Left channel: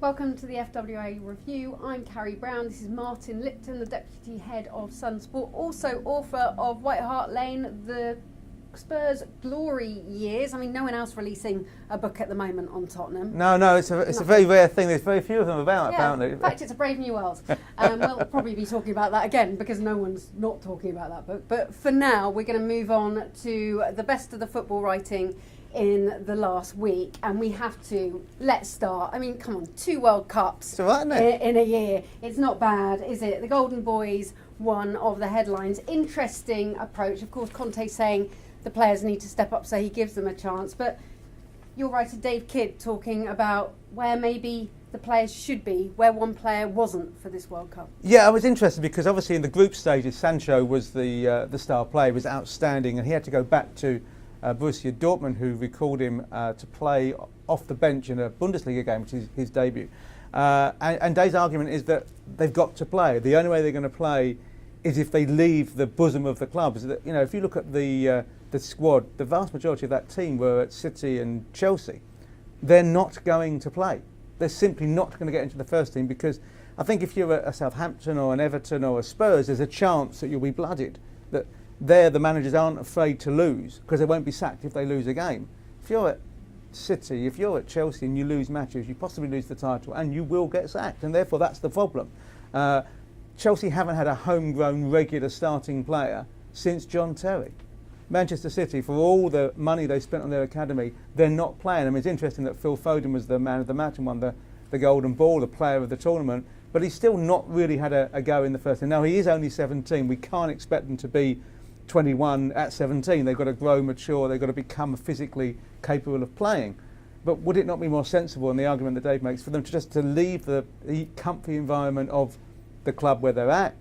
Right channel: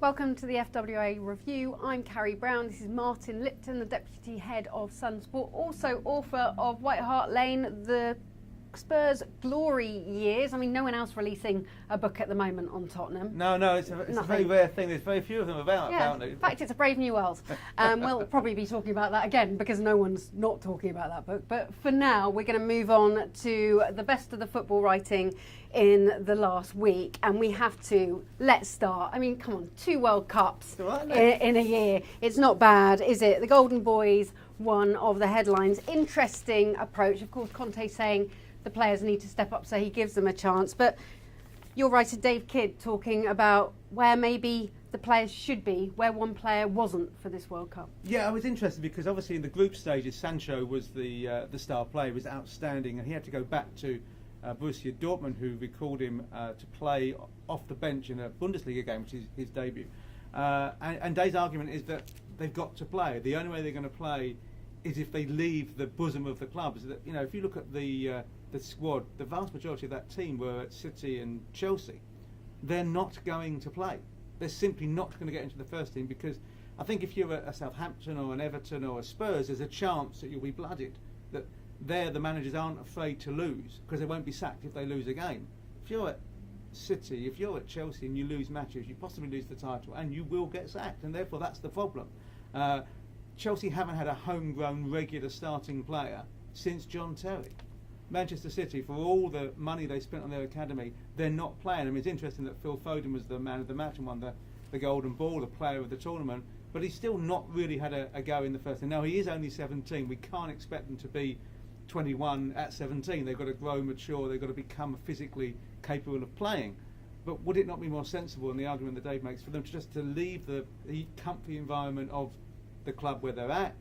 Welcome to the FWA review. I'm Carrie Brown. This is Martin Lipton, the Deputy Head of Sun Sport, also author of White Hart Lane, the Spurs glory years. I mean, no one else releasing a book at the moment on Tottenham. No, it's a very rare thing. There's very few of them about, apparently. In fact, it's a brave new world. We'll probably be talking about that again because no one's not talking about that book. But for now, we're going to move on to the best of the football writing in the last week, and we have to let's start. I mean, come on, 2 World Cups It's all right, isn't it? in a year. It's not bad, is it? The Golden Boys, one of the headlines. Interesting approach. Of course, Conte's saying the players need to step up, so he gives them a chance. But your writer Dave Kidd talking about where maybe the players should be, where one player wasn't for this World Cup. Yeah, I was interested because obviously in the group stages, Sancho was the star player, was outstanding, and he had to go back to Borussia Dortmund, who recalled him to play off the bench in a Bundesliga game, which is his debut. And Dave's argument is that they've got to play. The only way they're going to play is if they leave the bosom of the club. So that, you know, if you look at the squad, the vast majority of that team were at City and Chelsea. They're not going to play. They're simply not going to get into the first team because I think if you're a Southampton or an Everton or a Spurs, there's a chance that you'll be blooded. That there the managers aren't afraid to lose because they won't be sacked if they lose a game. If you're at City, if you're at Chelsea and you lose matches, you possibly lose the title and you will get sacked, and therefore that's the problem. Chelsea haven't had a homegrown regular starting player since John Terry. Manchester City, for all the money they spent on their academy, they're not playing. I mean, it's interesting that Phil Foden was the man of the match and won the Golden Ball, the player of the tournament, but he's still not really had a go in the first team. Now, he is only 17. We can't expect them to be 21 at 17. They've got to grow mature. They've got to become physically capable of playing. But would it not be more sensible, in the argument that Dave makes, for them to leave the comfy environment of the club where they're at,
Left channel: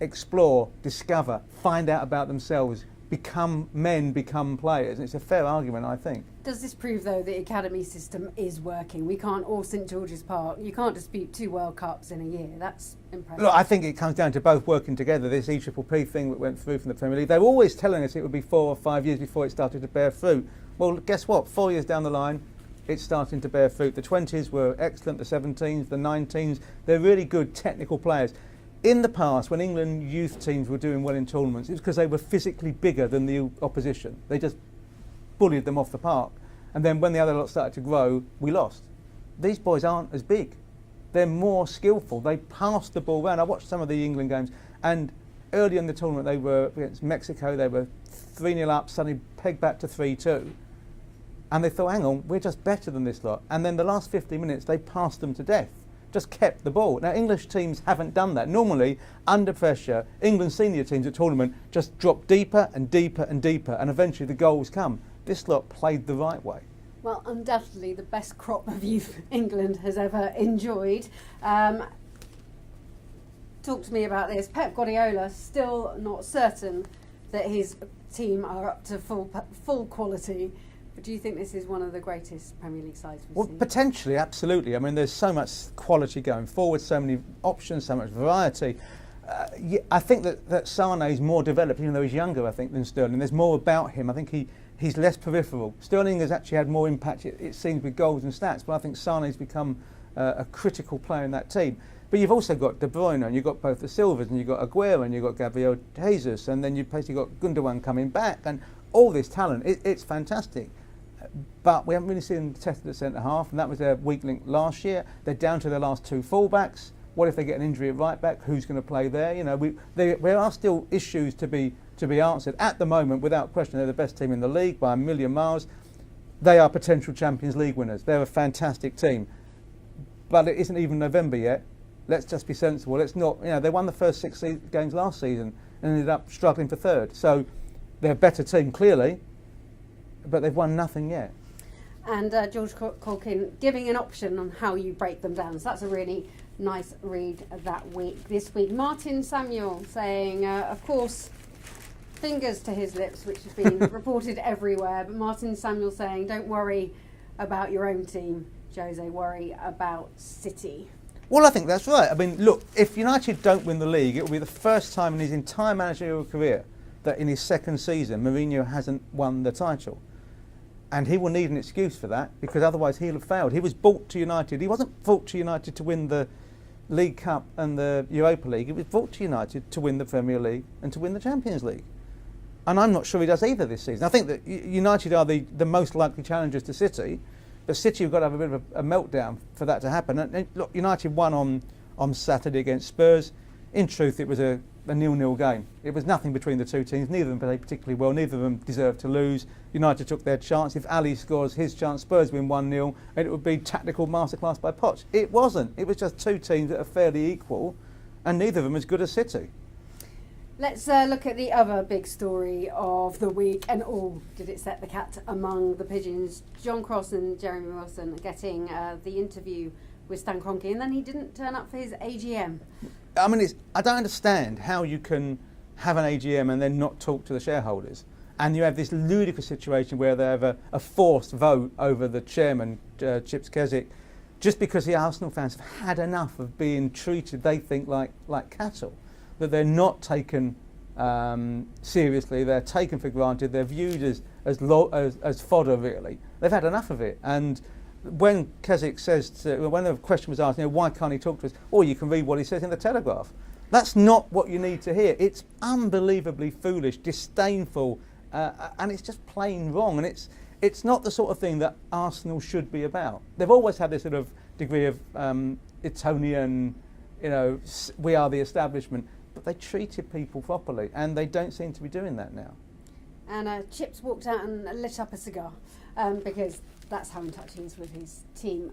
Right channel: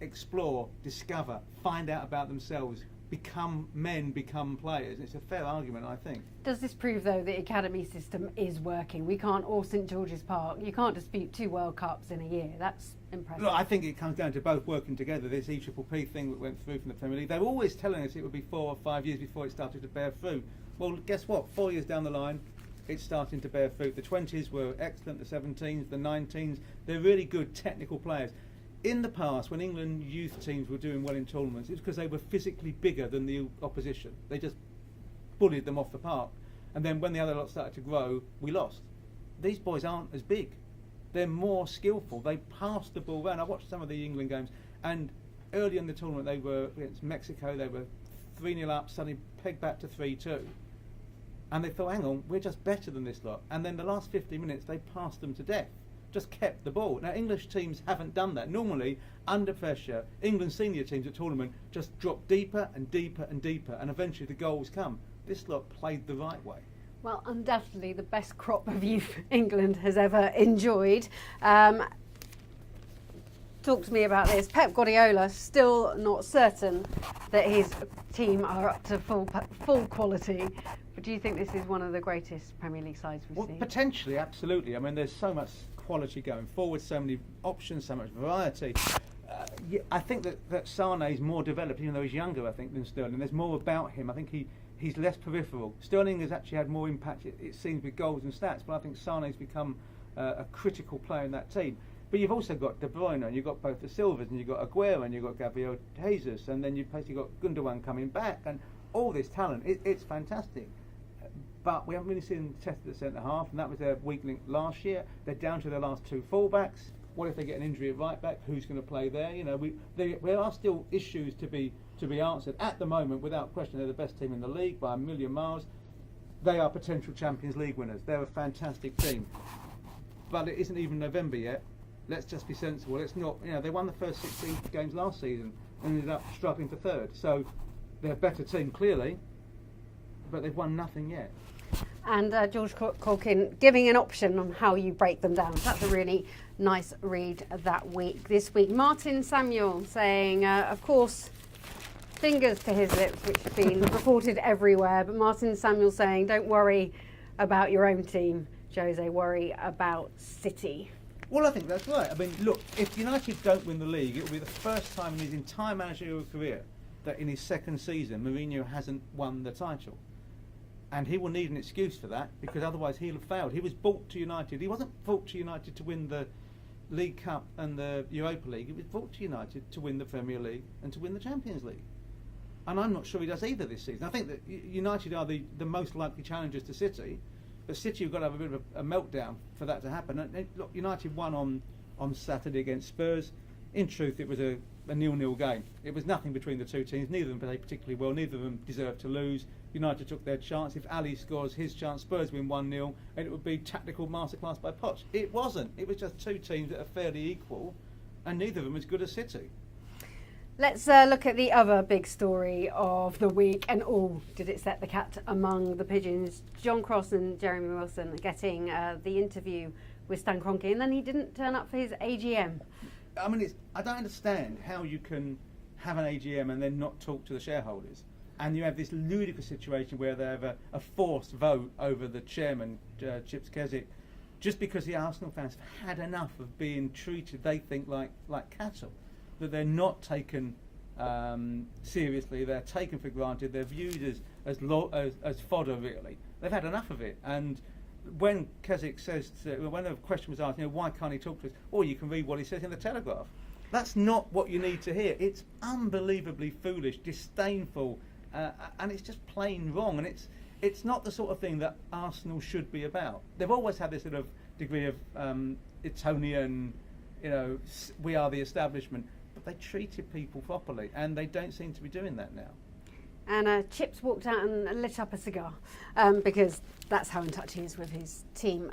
explore, discover, find out about themselves, become men, become players? And it's a fair argument, I think. Does this prove, though, the academy system is working? We can't all St George's Park. You can't dispute 2 World Cups in a year. That's impressive. Look, I think it comes down to both working together. This EPPP thing that went through from the Premier League, they were always telling us it would be 4 or 5 years before it started to bear fruit. Well, guess what? 4 years down the line, it's starting to bear fruit. The 20s were excellent, the 17s, the 19s. They're really good technical players. In the past, when England youth teams were doing well in tournaments, it was because they were physically bigger than the opposition. They just bullied them off the park. And then when the other lot started to grow, we lost. These boys aren't as big. They're more skillful. They pass the ball around. I watched some of the England games, and early in the tournament, they were against Mexico. They were 3-0 up, suddenly pegged back to 3-2. And they thought, hang on, we're just better than this lot. And then the last 50 minutes, they passed them to death. Just kept the ball. Now, English teams haven't done that. Normally, under pressure, England senior teams at tournament just drop deeper and deeper and deeper, and eventually the goals come. This lot played the right way. Well, undoubtedly the best crop of youth England has ever enjoyed. Talk to me about this. Pep Guardiola still not certain that his team are up to full quality. But do you think this is one of the greatest Premier League sides we've seen? Potentially, absolutely. I mean, there's so much quality going forward, so many options, so much variety. I think that Sane is more developed, even though he's younger, I think, than Sterling. There's more about him. I think he's less peripheral. Sterling has actually had more impact, it seems, with goals and stats, but I think Sane's become a critical player in that team. But you've also got De Bruyne, and you've got both the Silvers, and you've got Aguero, and you've got Gabriel Jesus, and then you've basically got Gundogan coming back, and all this talent. It's fantastic. But we haven't really seen them tested at centre-half, and that was their weak link last year. They're down to their last 2 full-backs. What if they get an injury at right-back? Who's going to play there? You know, there are still issues to be answered. At the moment, without question, they're the best team in the league by a million miles. They are potential Champions League winners. They're a fantastic team. But it isn't even November yet. Let's just be sensible. Let's not, you know, they won the first 6 games last season and ended up struggling for 3rd. So they're a better team, clearly, but they've won nothing yet. And George Caulkin giving an option on how you break them down. So that's a really nice read that week. This week, Martin Samuel saying, of course, fingers to his lips, which have been reported everywhere, but Martin Samuel saying, don't worry about your own team, Jose, worry about City. Well, I think that's right. I mean, look, if United don't win the league, it will be the first time in his entire managerial career that in his 2nd season, Mourinho hasn't won the title. And he will need an excuse for that, because otherwise he'll have failed. He was brought to United. He wasn't brought to United to win the League Cup and the Europa League. He was brought to United to win the Premier League and to win the Champions League. And I'm not sure he does either this season. I think that United are the most likely challengers to City, but City have got to have a bit of a meltdown for that to happen. And look, United won on Saturday against Spurs. In truth, it was a 0-0 game. It was nothing between the two teams. Neither of them played particularly well. Neither of them deserved to lose. United took their chance. If Ali scores his chance, Spurs win 1-0, and it would be tactical masterclass by Poch. It wasn't. It was just two teams that are fairly equal, and neither of them as good as City. Let's look at the other big story of the week, and did it set the cat among the pigeons. John Cross and Jeremy Wilson getting the interview with Stan Kroenke, and then he didn't turn up for his AGM. I mean, I don't understand how you can have an AGM and then not talk to the shareholders. And you have this ludicrous situation where they have a forced vote over the chairman, Chips Keswick, just because the Arsenal fans have had enough of being treated, they think, like cattle, that they're not taken seriously, they're taken for granted, they're viewed as fodder, really. They've had enough of it. And when Keswick says, when the question was asked, why can't he talk to us? Or you can read what he says in the Telegraph. That's not what you need to hear. It's unbelievably foolish, disdainful, and it's just plain wrong. And it's not the sort of thing that Arsenal should be about. They've always had this sort of degree of Etonian, we are the establishment, but they treated people properly, and they don't seem to be doing that now. And Chips walked out and lit up a cigar because that's how in touch he is with his team.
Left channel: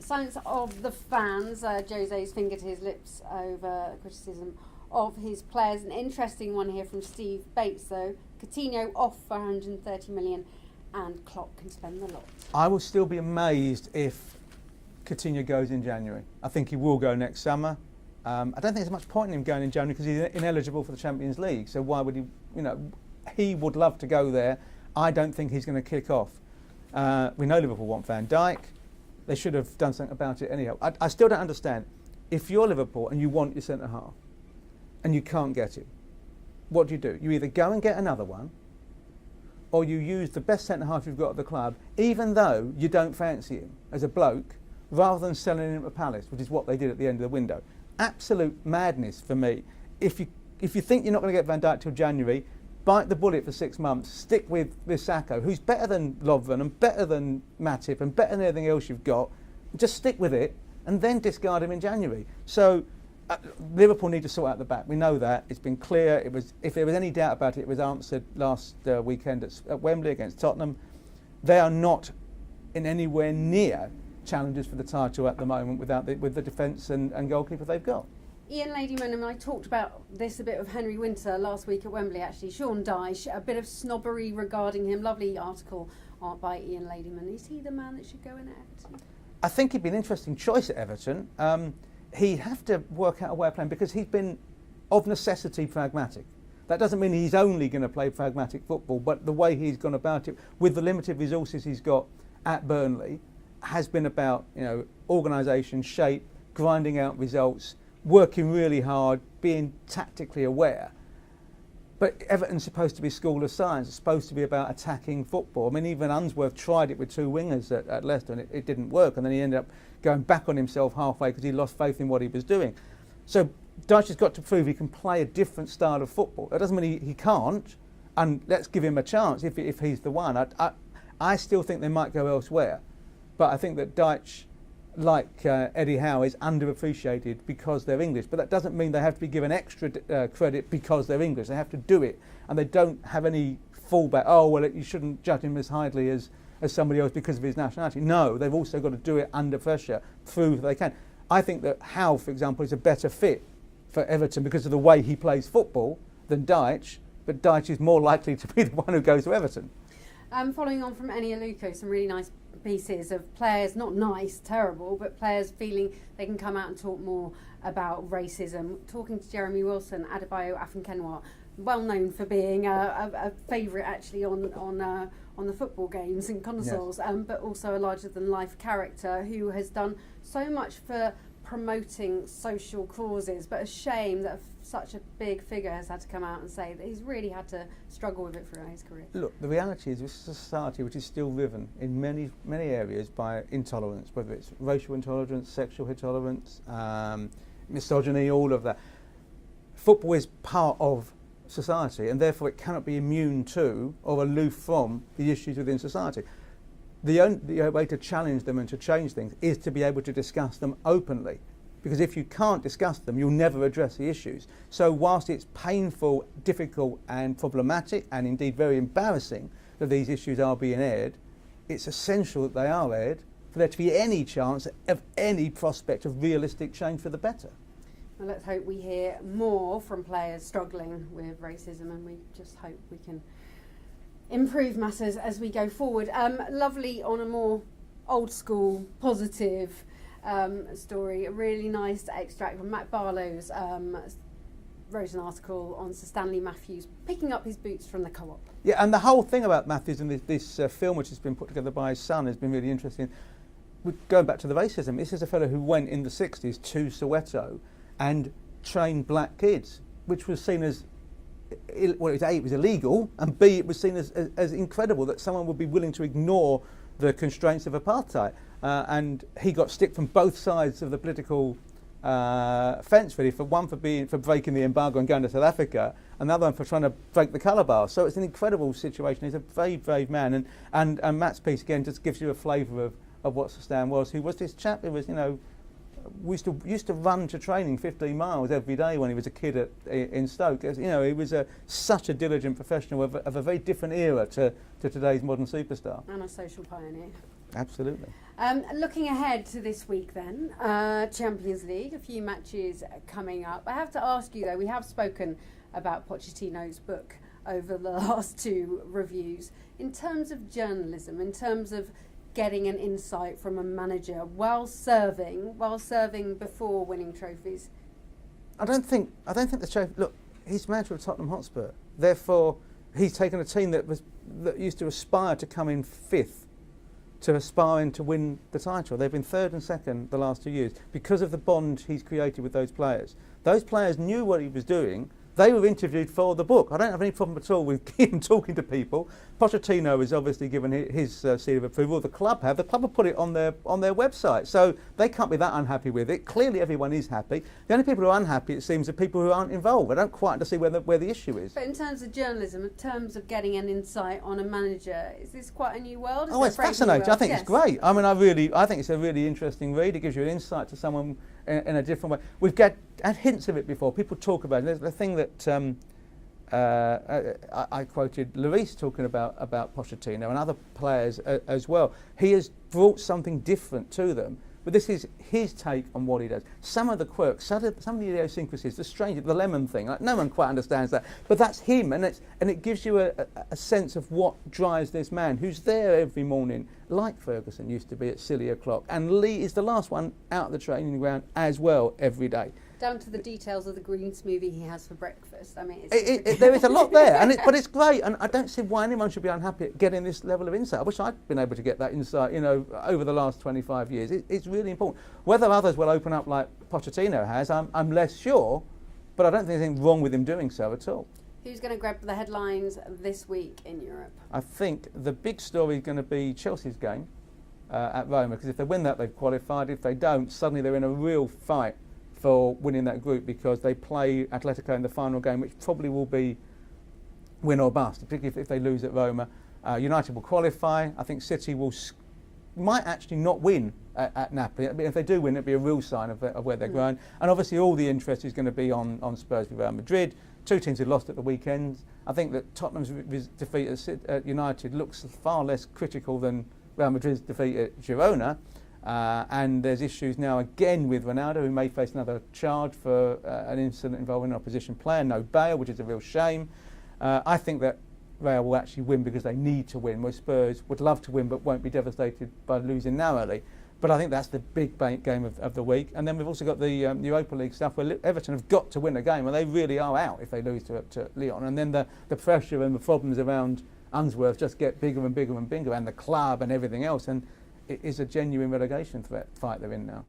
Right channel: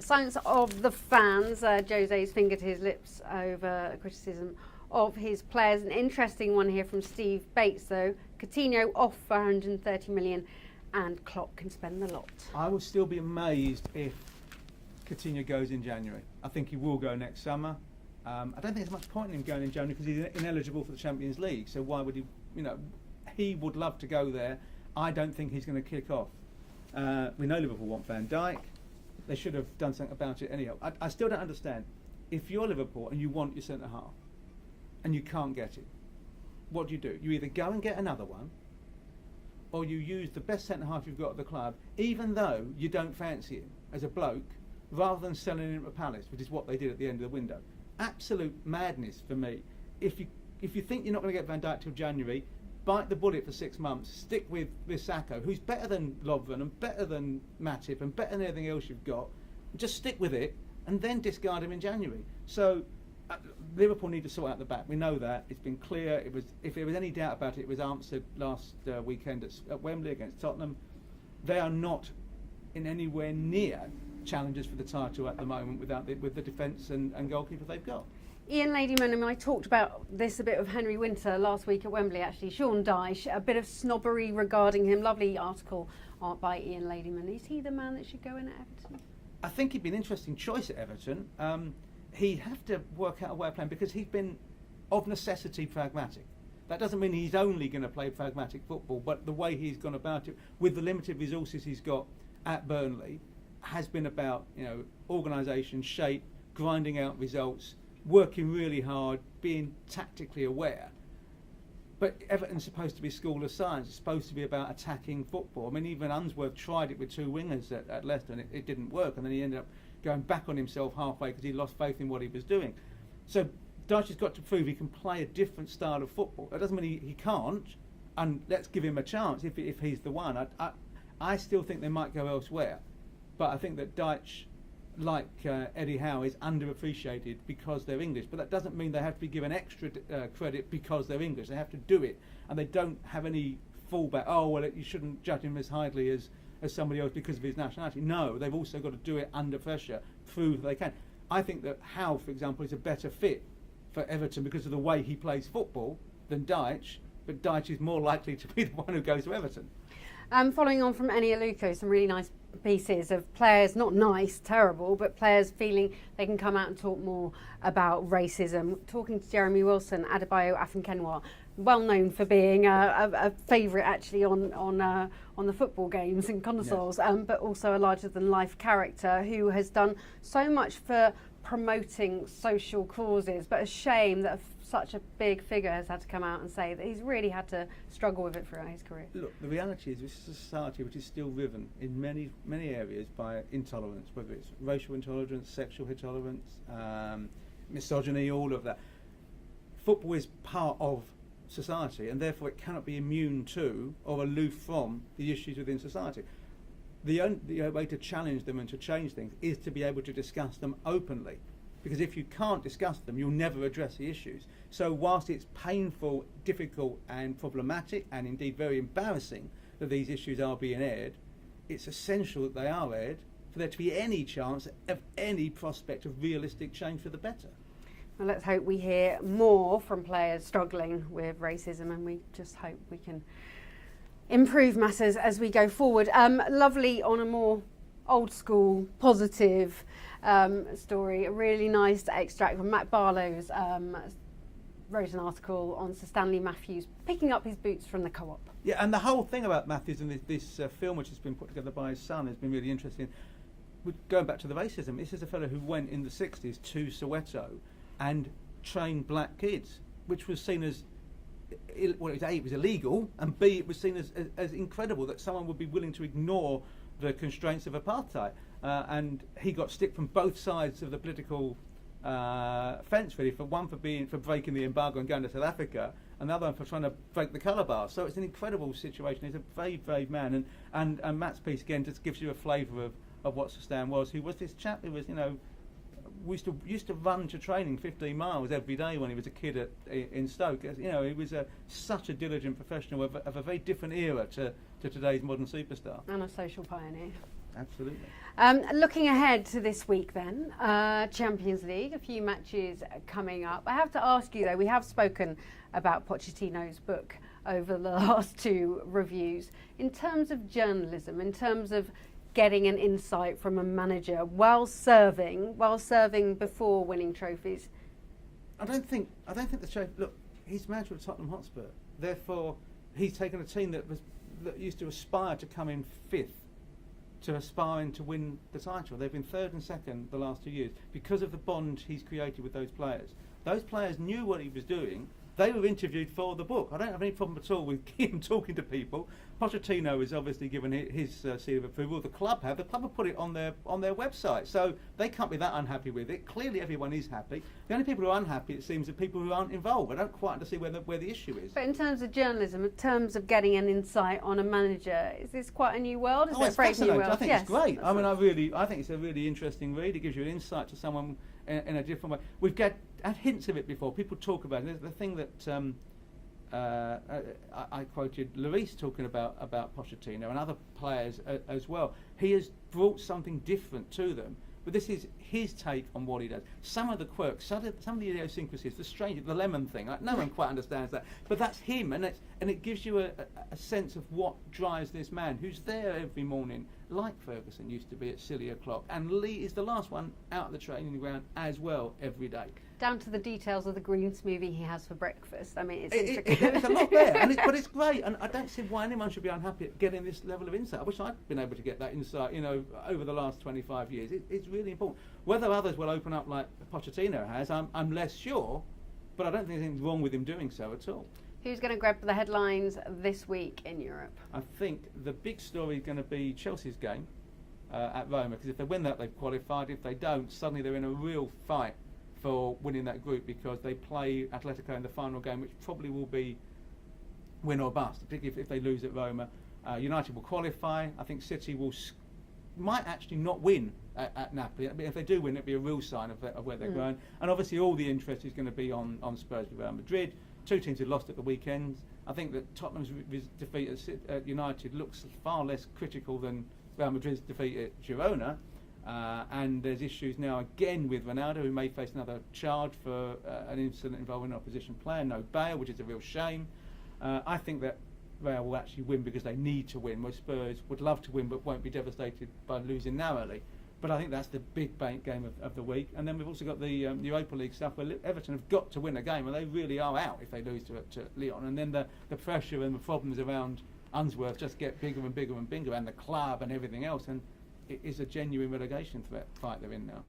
Signs of the fans. Jose's finger to his lips over criticism of his players. An interesting one here from Steve Bates, though. Coutinho off for 130 million, and Klopp can spend the lot. I will still be amazed if Coutinho goes in January. I think he will go next summer. I don't think there's much point in him going in January because he's ineligible for the Champions League. So why would he? He would love to go there. I don't think he's going to kick off. We know Liverpool want Van Dijk. They should have done something about it anyhow. I still don't understand. If you're Liverpool and you want your centre-half and you can't get it, what do? You either go and get another one, or you use the best centre-half you've got at the club, even though you don't fancy him as a bloke, rather than selling him to Palace, which is what they did at the end of the window. Absolute madness for me. If you think you're not going to get Van Dijk till January, bite the bullet for 6 months, stick with Sacco, who's better than Lovren and better than Matip and better than everything else you've got. Just stick with it and then discard him in January. So Liverpool need to sort out the back. We know that. It's been clear. If there was any doubt about it, it was answered last weekend at Wembley against Tottenham. They are not in anywhere near challengers for the title at the moment with the defence and goalkeeper they've got. Ian Ladyman and I talked about this a bit with Henry Winter last week at Wembley, actually. Sean Dyche, a bit of snobbery regarding him. Lovely article by Ian Ladyman. Is he the man that should go in at Everton? I think he'd be an interesting choice at Everton. He'd have to work out a way of playing because he's been, of necessity, pragmatic. That doesn't mean he's only going to play pragmatic football, but the way he's gone about it, with the limited resources he's got at Burnley, has been about organisation, shape, grinding out results, working really hard, being tactically aware. But Everton's supposed to be a school of science. It's supposed to be about attacking football. I mean, even Unsworth tried it with two wingers at Leicester, and it didn't work. And then he ended up going back on himself halfway because he lost faith in what he was doing. So Dyche has got to prove he can play a different style of football. That doesn't mean he can't, and let's give him a chance if he's the one. I still think they might go elsewhere. But I think that Dyche, like Eddie Howe, is underappreciated because they're English. But that doesn't mean they have to be given extra credit because they're English. They have to do it. And they don't have any fallback. Oh, well, you shouldn't judge him as highly as somebody else because of his nationality. No, they've also got to do it under pressure, prove they can. I think that Howe, for example, is a better fit for Everton because of the way he plays football than Dyche. But Dyche is more likely to be the one who goes to Everton. Following on from Eni Aluko, some really nice pieces of players, not nice, terrible, but players feeling they can come out and talk more about racism. Talking to Jeremy Wilson, Adebayo Afinkenwa, well known for being a favourite actually on the football games and consoles, yes. But also a larger-than-life character who has done so much for promoting social causes, but a shame that such a big figure has had to come out and say that he's really had to struggle with it throughout his career. Look, the reality is this is a society which is still driven in many areas by intolerance, whether it's racial intolerance, sexual intolerance, misogyny, all of that. Football is part of society, and therefore it cannot be immune to or aloof from the issues within society. The only way to challenge them and to change things is to be able to discuss them openly. Because if you can't discuss them, you'll never address the issues. So whilst it's painful, difficult and problematic and indeed very embarrassing that these issues are being aired, it's essential that they are aired for there to be any chance of any prospect of realistic change for the better. Well, let's hope we hear more from players struggling with racism, and we just hope we can improve matters as we go forward. Lovely on a more old school, positive story. A really nice extract from Matt Barlow's wrote an article on Sir Stanley Matthews picking up his boots from the Co-op. Yeah, and the whole thing about Matthews and this film which has been put together by his son has been really interesting. Going back to the racism, this is a fellow who went in the 60s to Soweto and trained black kids, which was seen as, well, A, it was illegal, and B, it was seen as incredible that someone would be willing to ignore the constraints of apartheid. And he got stick from both sides of the political fence, really. For breaking the embargo and going to South Africa, another one for trying to break the colour bar. So it's an incredible situation. He's a very brave man, and Matt's piece again just gives you a flavour of what Sir Stan was. Who was this chap who was, we used to run to training 15 miles every day when he was a kid in Stoke. He was such a diligent professional of a very different era to today's modern superstar. And a social pioneer. Absolutely. Looking ahead to this week then, Champions League, a few matches coming up. I have to ask you though, we have spoken about Pochettino's book over the last two reviews. In terms of journalism, in terms of getting an insight from a manager while serving before winning trophies? I don't think the trophy. Look, he's manager of Tottenham Hotspur. Therefore, he's taken a team that used to aspire to come in fifth to aspiring to win the title. They've been third and second the last 2 years because of the bond he's created with those players. Those players knew what he was doing. They were interviewed for the book. I don't have any problem at all with him talking to people. Pochettino has obviously given his seal of approval. The club have put it on their website, so they can't be that unhappy with it. Clearly, everyone is happy. The only people who are unhappy, it seems, are people who aren't involved. I don't quite understand where the issue is. But in terms of journalism, in terms of getting an insight on a manager, is this quite a new world? It's fascinating. I think it's great. I mean, I think it's a really interesting read. It gives you an insight to someone in a different way. We've had hints of it before. People talk about it. There's the thing that I quoted Lloris talking about Pochettino and other players as well. He has brought something different to them, but this is his take on what he does. Some of the quirks, some of the idiosyncrasies, the lemon thing, like, no one quite understands that, but that's him, and it gives you a sense of what drives this man who's there every morning, like Ferguson used to be at silly o'clock, and Lee is the last one out of the training ground as well every day. Down to the details of the green smoothie he has for breakfast. I mean, there is a lot there, but it's great, and I don't see why anyone should be unhappy at getting this level of insight. I wish I'd been able to get that insight, over the last 25 years. It's really important. Whether others will open up like Pochettino has, I'm less sure, but I don't think there's anything wrong with him doing so at all. Who's going to grab the headlines this week in Europe? I think the big story is going to be Chelsea's game at Roma, because if they win that, they've qualified. If they don't, suddenly they're in a real fight for winning that group, because they play Atletico in the final game, which probably will be win or bust, particularly if they lose at Roma. United will qualify. I think City might actually not win at Napoli. If they do win, it'll be a real sign of where they're going. And obviously all the interest is going to be on Spurs with Real Madrid. Two teams who lost at the weekend. I think that Tottenham's defeat at United looks far less critical than Real Madrid's defeat at Girona. And there's issues now again with Ronaldo, who may face another charge for an incident involving an opposition player. No bail, which is a real shame. I think that Real will actually win because they need to win, where Spurs would love to win but won't be devastated by losing narrowly. But I think that's the big game of the week. And then we've also got the Europa League stuff, where Everton have got to win a game, and they really are out if they lose to Lyon. And then the pressure and the problems around Unsworth just get bigger and bigger and bigger, and the club and everything else. And it is a genuine relegation fight they're in now.